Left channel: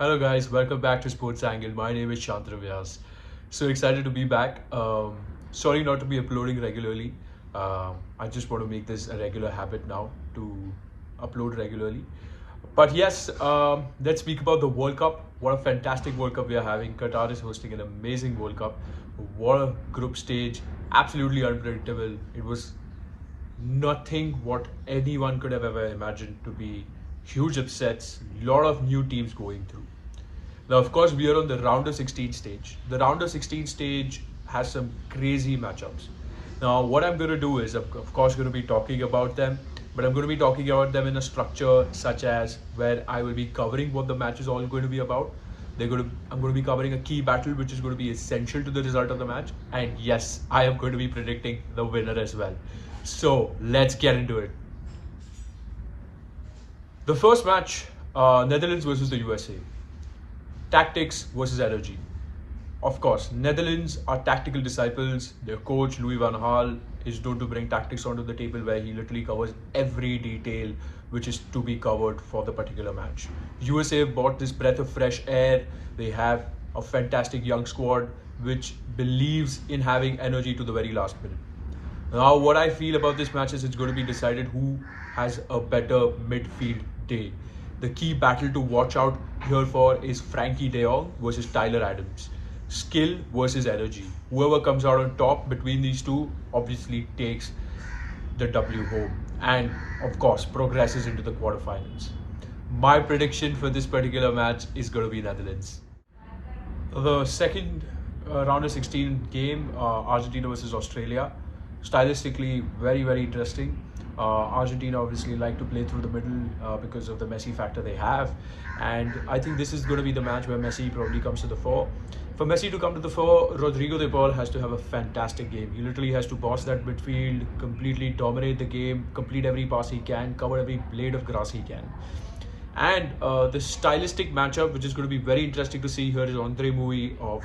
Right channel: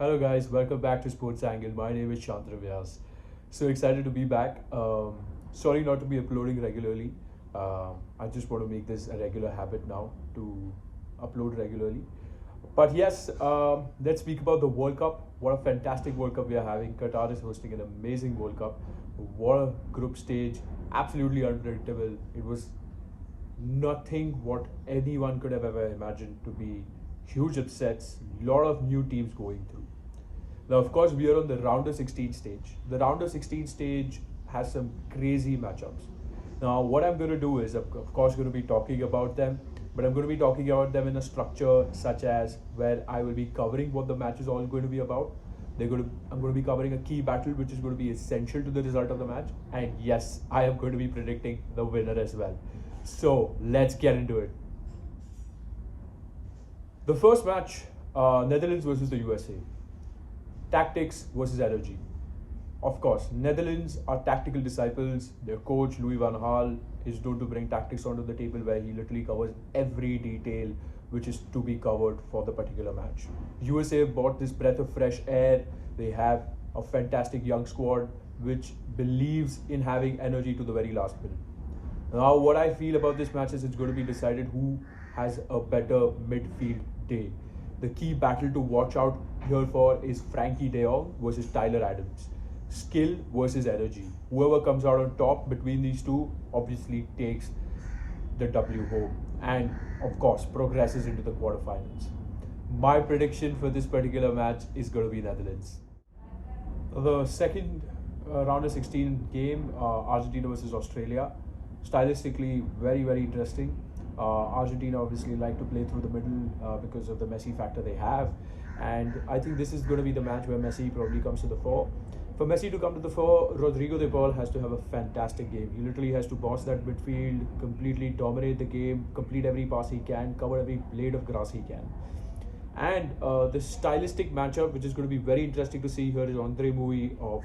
Hello guys, welcome back to Sports Angle. My name is Chandra Vyas. So excited to be back. Sorry not to be uploading regularly. I just want to make this a regular habit now to upload regularly. But yes, let's speak about the World Cup. What a fantastic World Cup we are having. Qatar is hosting an amazing World Cup. What a group stage. Absolutely unpredictable. It was nothing what anyone could have ever imagined to be huge upsets, lot of new teams going through. Now, of course, we are on the round of 16 stage. The round of 16 stage has some crazy matchups. Now, what I'm going to do is, of course, going to be talking about them, but I'm going to be talking about them in a structure such as where I will be covering what the match is all going to be about. I'm going to be covering a key battle which is going to be essential to the result of the match. And yes, I am going to be predicting the winner as well. So let's get into it. The first match, Netherlands versus the USA. Tactics versus energy. Of course, Netherlands are tactical disciples. Their coach, Louis van Gaal, is known to bring tactics onto the table where he literally covers every detail which is to be covered for the particular match. USA have brought this breath of fresh air. They have a fantastic young squad which believes in having energy to the very last minute. Now, what I feel about this match is it's going to be decided who has a better midfield day. The key battle to watch out here for is Frankie De Jong versus Tyler Adams. Skill versus energy. Whoever comes out on top between these two obviously takes the W home and, of course, progresses into the quarterfinals. My prediction for this particular match is going to be Netherlands. The second round of 16 game, Argentina versus Australia. Stylistically, very interesting. Argentina obviously like to play through the middle because of the Messi factor they have. And I think this is going to be the match where Messi probably comes to the fore. For Messi to come to the fore, Rodrigo de Paul has to have a fantastic game. He literally has to boss that midfield, completely dominate the game, complete every pass he can, cover every blade of grass he can. And the stylistic matchup, which is going to be very interesting to see here, is Andre Mui of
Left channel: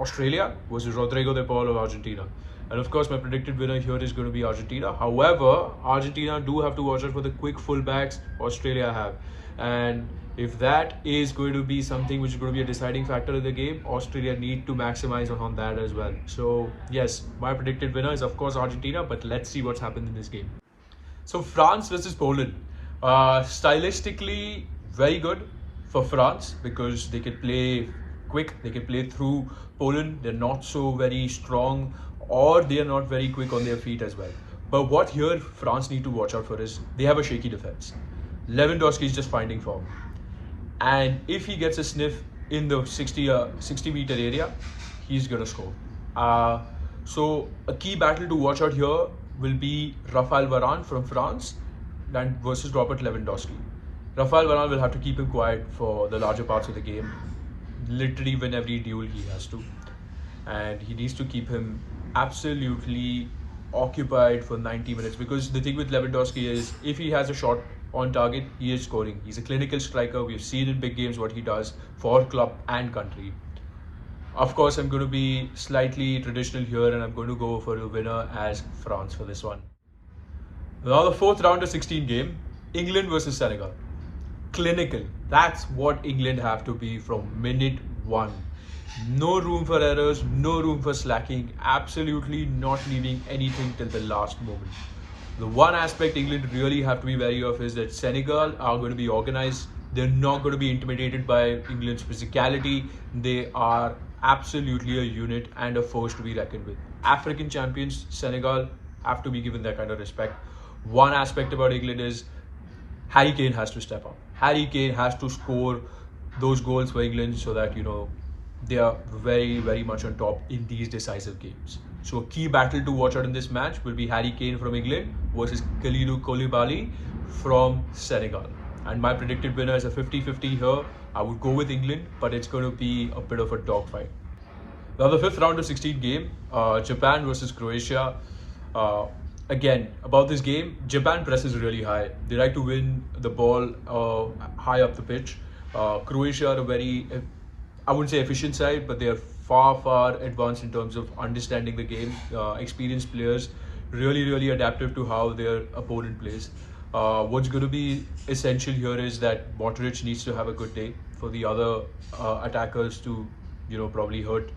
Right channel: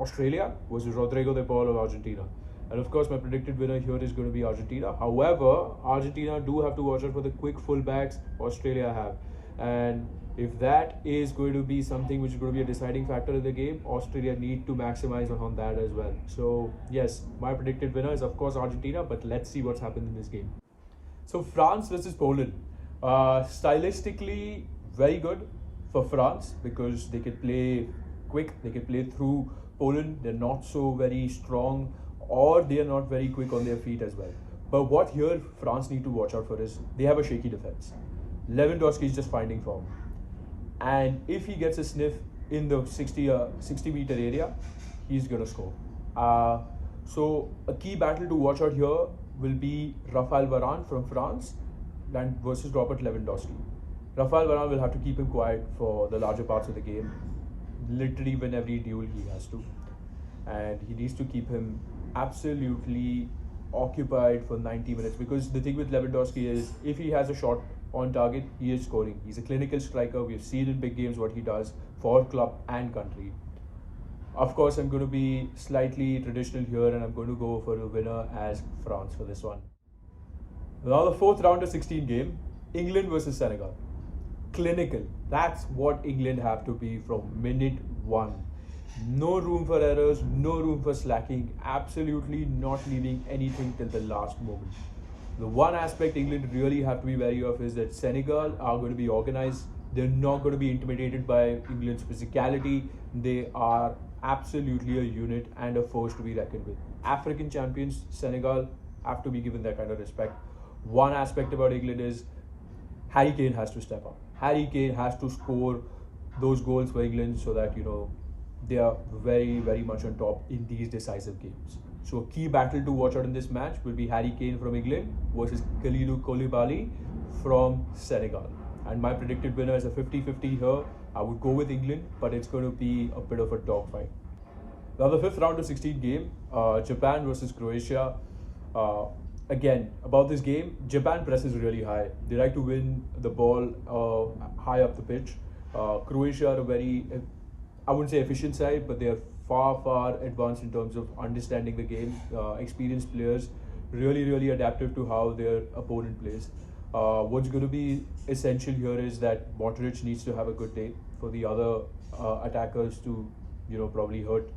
Australia versus Rodrigo de Paul of Argentina. And of course, my predicted winner here is going to be Argentina. However, Argentina do have to watch out for the quick fullbacks Australia have. And if that is going to be something which is going to be a deciding factor in the game, Australia need to maximize on that as well. So, yes, my predicted winner is of course Argentina, but let's see what's happened in this game. So France versus Poland. Stylistically, very good for France because they can play quick, they can play through Poland. They're not so very strong or they are not very quick on their feet as well. But what here France need to watch out for is they have a shaky defense. Lewandowski is just finding form. And if he gets a sniff in the 60 meter area, he's going to score. Uh, so a key battle to watch out here will be Rafael Varane from France and versus Robert Lewandowski. Rafael Varane will have to keep him quiet for the larger parts of the game, literally win every duel he has to, and he needs to keep him absolutely occupied for 90 minutes because the thing with Lewandowski is if he has a shot on target, he is scoring. He's a clinical striker. We've seen in big games what he does for club and country. Of course, I'm going to be slightly traditional here and I'm going to go for a winner as France for this one. Now the fourth round of 16 game, England versus Senegal. Clinical. That's what England have to be from minute one. No room for errors, no room for slacking, absolutely not leaving anything till the last moment. The one aspect England really have to be wary of is that Senegal are going to be organized. They're not going to be intimidated by England's physicality. They are absolutely a unit and a force to be reckoned with. African champions, Senegal, have to be given that kind of respect. One aspect about England is Harry Kane has to step up. Harry Kane has to score those goals for England so that, they are very much on top in these decisive games. So a key battle to watch out in this match will be Harry Kane from England versus Kalidou Koulibaly from Senegal. And my predicted winner is a 50-50 here. I would go with England, but it's going to be a bit of a dogfight. Now the fifth round of 16 game, Japan versus Croatia. Again, about this game, Japan presses really high. They like to win the ball high up the pitch. Croatia are a very, I wouldn't say efficient side, but they are far advanced in terms of understanding the game. Experienced players, really adaptive to how their opponent plays. What's going to be essential here is that Modric needs to have a good day for the other attackers to, probably hurt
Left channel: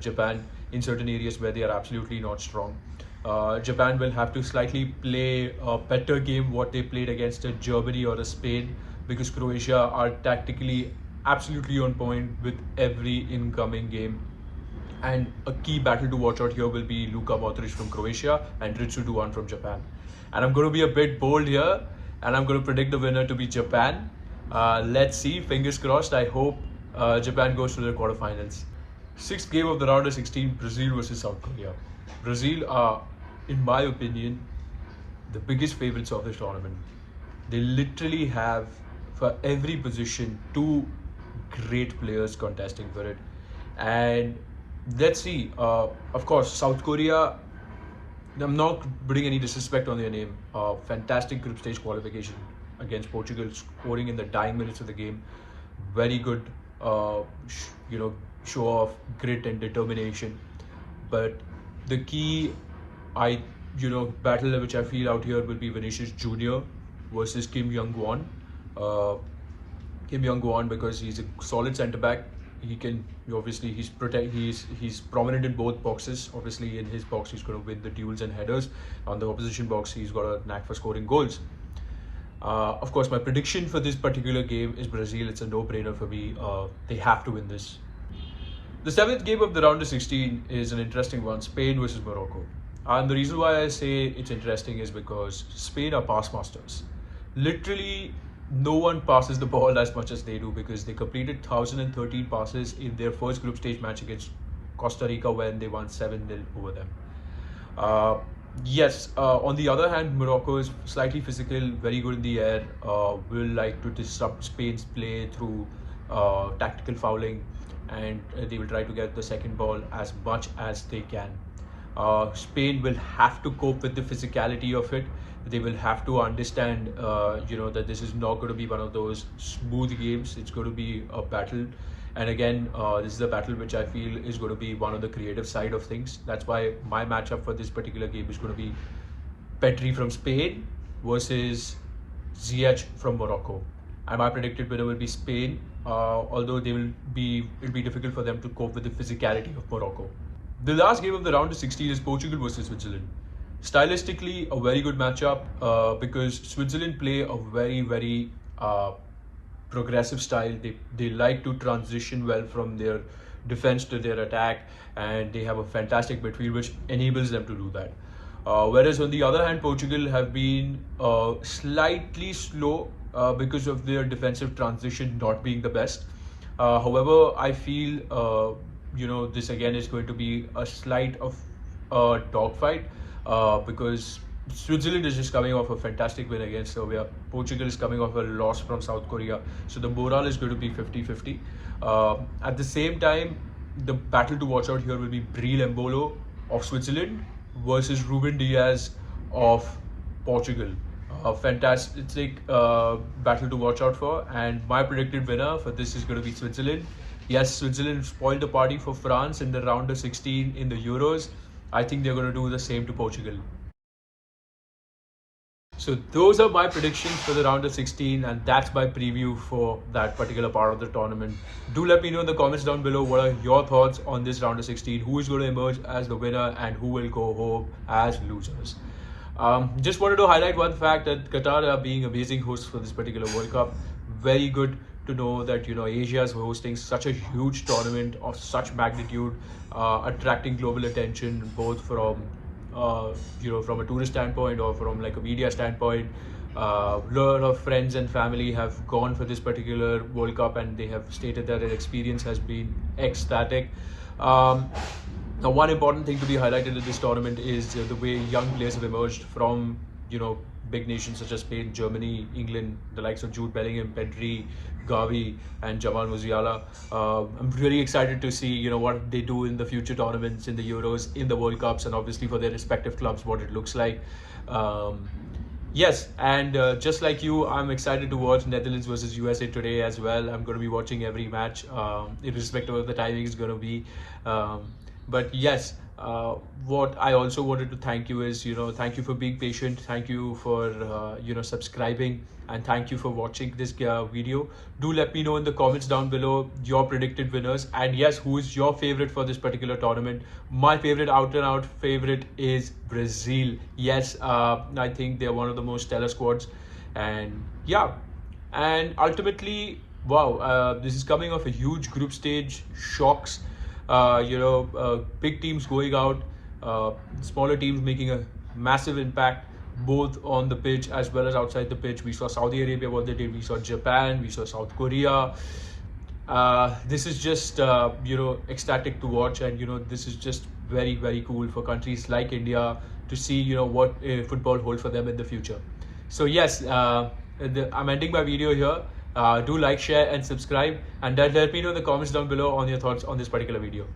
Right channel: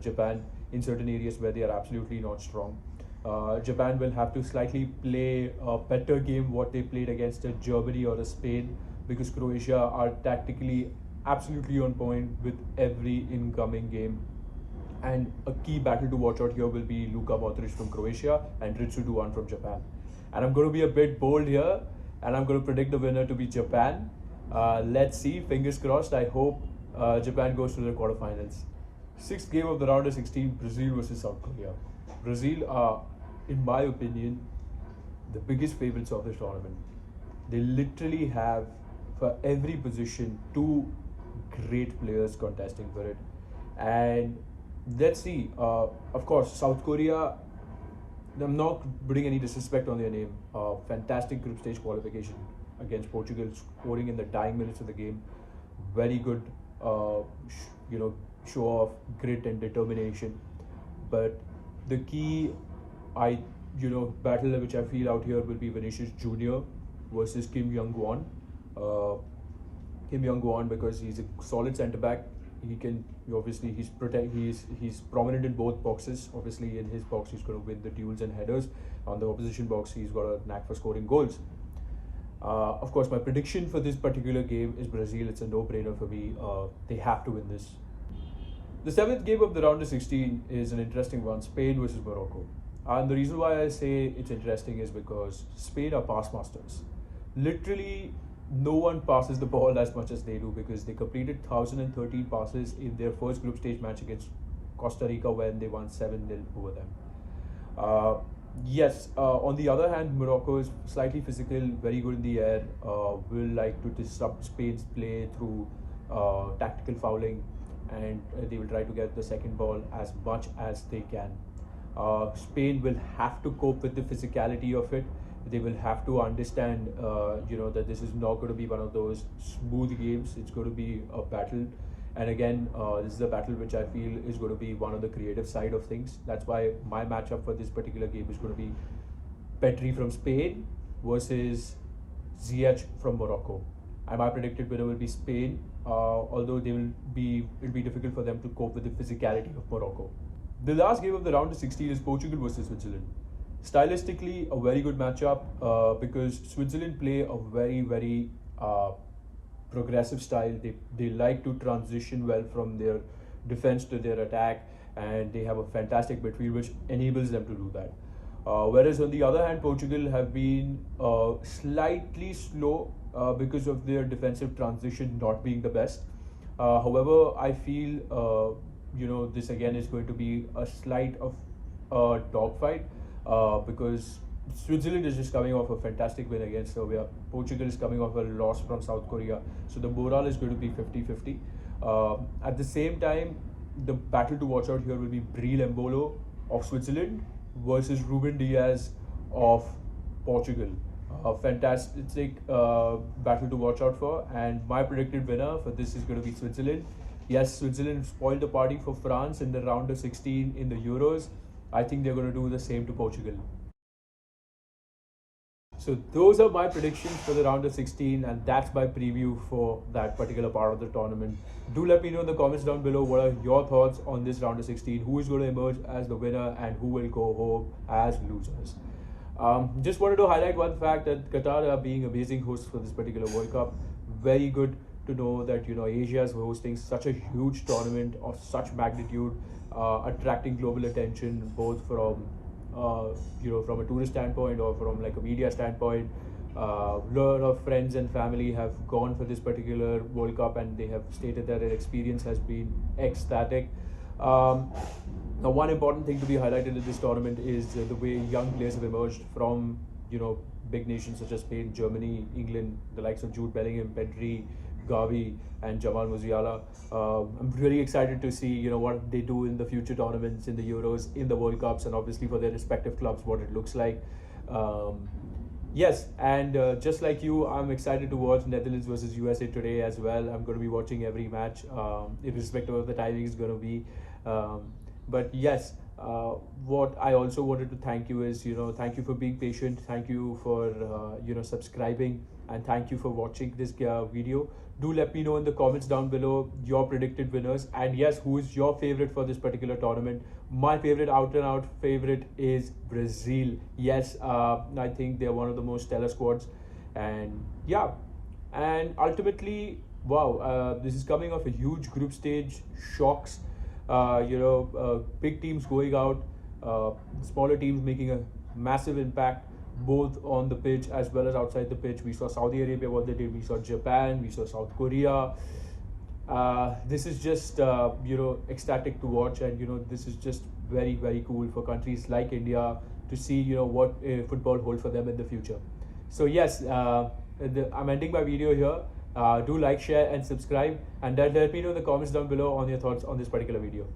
Japan in certain areas where they are absolutely not strong. Japan will have to slightly play a better game what they played against a Germany or a Spain, because Croatia are tactically absolutely on point with every incoming game. And a key battle to watch out here will be Luka Modric from Croatia and Ritsu Duan from Japan. And I'm going to be a bit bold here, and I'm going to predict the winner to be Japan. Let's see, fingers crossed. I hope Japan goes to the quarterfinals. Sixth game of the round of 16, Brazil versus South Korea. Brazil are, in my opinion, the biggest favorites of this tournament. They literally have, for every position, two great players contesting for it. And let's see, of course, South Korea, I'm not putting any disrespect on their name. Fantastic group stage qualification against Portugal, scoring in the dying minutes of the game. Very good, you know, show of grit and determination. But the key, battle which I feel out here will be Vinicius Junior versus Kim Young Won. Uh, Kim Young Won, because he's a solid centre back. He can, obviously, he's prominent in both boxes. Obviously, in his box he's going to win the duels and headers. On the opposition box he's got a knack for scoring goals. Of course, my prediction for this particular game is Brazil. It's a no-brainer for me. They have to win this. The seventh game of the round of 16 is an interesting one: Spain versus Morocco. And the reason why I say it's interesting is because Spain are pass masters. Literally, no one passes the ball as much as they do, because they completed 1,013 passes in their first group stage match against Costa Rica when they won 7-0 over them. Uh, yes, on the other hand, Morocco is slightly physical, very good in the air, will like to disrupt Spain's play through tactical fouling, and they will try to get the second ball as much as they can. Spain will have to cope with the physicality of it. They will have to understand, that this is not going to be one of those smooth games. It's going to be a battle. And again, this is a battle which I feel is going to be one of the creative side of things. That's why my matchup for this particular game is going to be Petri from Spain versus Ziyech from Morocco. And my predicted winner will be Spain, although it'll be difficult for them to cope with the physicality of Morocco. The last game of the round of 16 is Portugal versus Switzerland. Stylistically, a very good matchup, because Switzerland play a very, very progressive style. They like to transition well from their defense to their attack, and they have a fantastic midfield which enables them to do that. Whereas on the other hand, Portugal have been slightly slow because of their defensive transition not being the best. However, I feel this again is going to be a slight of a dogfight, because Switzerland is just coming off a fantastic win against Serbia. Portugal is coming off a loss from South Korea. So the morale is going to be 50-50. At the same time, the battle to watch out here will be Breel Embolo of Switzerland versus Ruben Diaz of Portugal. Fantastic battle to watch out for. And my predicted winner for this is going to be Switzerland. Yes, Switzerland spoiled the party for France in the round of 16 in the Euros. I think they're going to do the same to Portugal. So those are my predictions for the round of 16, and that's my preview for that particular part of the tournament. Do let me know in the comments down below what are your thoughts on this round of 16. Who is going to emerge as the winner and who will go home as losers? Just wanted to highlight one fact, that Qatar are being amazing hosts for this particular World Cup. Very good to know that Asia is hosting such a huge tournament of such magnitude, attracting global attention both from from a tourist standpoint or from like a media standpoint. A lot of friends and family have gone for this particular World Cup, and they have stated that their experience has been ecstatic. Now, one important thing to be highlighted in this tournament is the way young players have emerged from big nations such as Spain, Germany, England, the likes of Jude Bellingham, Pedri, Gavi, and Jamal Musiala. I'm really excited to see what they do in the future tournaments, in the Euros, in the World Cups, and obviously for their respective clubs, what it looks like. Yes, and just like you, I'm excited to watch Netherlands versus USA today as well. I'm going to be watching every match, irrespective of the timing it's going to be. But yes, uh, what I also wanted to thank you is, thank you for being patient, thank you for, subscribing, and thank you for watching this video. Do let me know in the comments down below your predicted winners, and yes, who is your favorite for this particular tournament. My favorite, out and out favorite, is Brazil. Yes, I think they're one of the most stellar squads, and yeah, and ultimately, wow, this is coming off a huge group stage, shocks, big teams going out, uh, smaller teams making a massive impact both on the pitch as well as outside the pitch. We saw Saudi Arabia, what they did. We saw Japan, we saw South Korea. This is just ecstatic to watch, and this is just very, very cool for countries like India to see what football holds for them in the future. So yes, I'm ending my video here. Do like, share, and subscribe, and let me know in the comments down below on your thoughts on this particular video.